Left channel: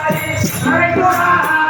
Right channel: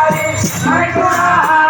Hare Krishna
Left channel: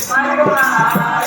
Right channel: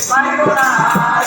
Para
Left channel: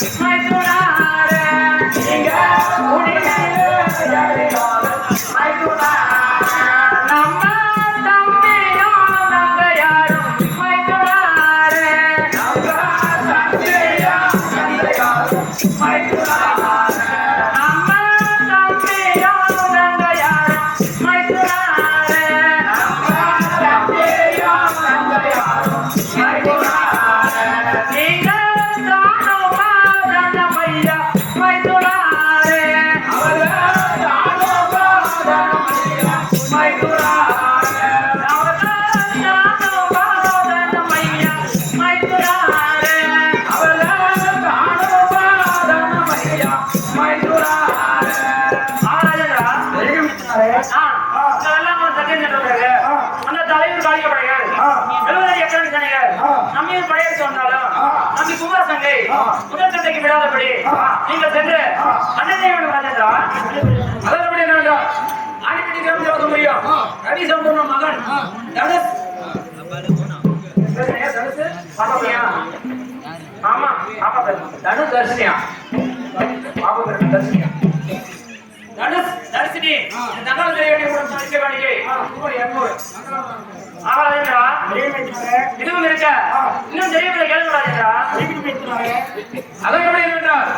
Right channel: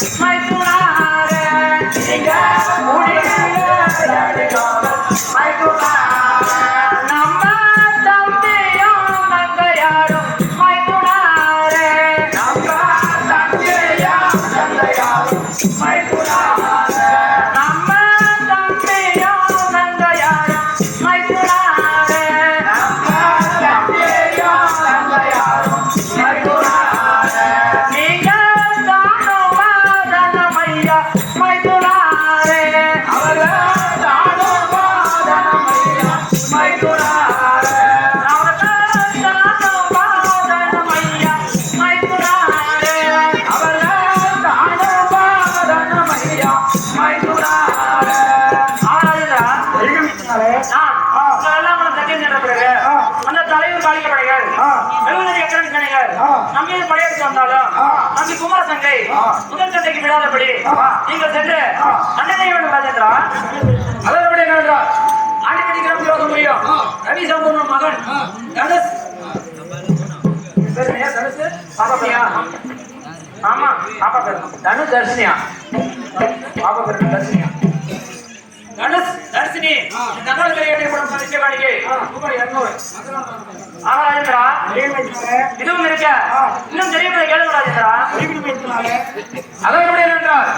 smile. நம்பி குமார சங்கை முதல் சந்தைக்கு விடாதபடி நீங்கள் சென்று அண்ணனை ராஜேந்திரா ரவி சம்பூர்ணம் மகன் தனுஷ். தனுஷ் தனுஷ்? பாப்பா ஆமா பாப்பா பேர் தனுஷ் தர்ஷினியா. பாப்பா பேர் தர்ஷினியா. தனுஷ் தர்ஷினி. தகவல் தெரிய வேண்டிய கூட ரூபாய் இருநூறு. ஆகலாஜேந்திரா இதுவும் இருக்க? இன்னும் தெரியவில்லை என்றால்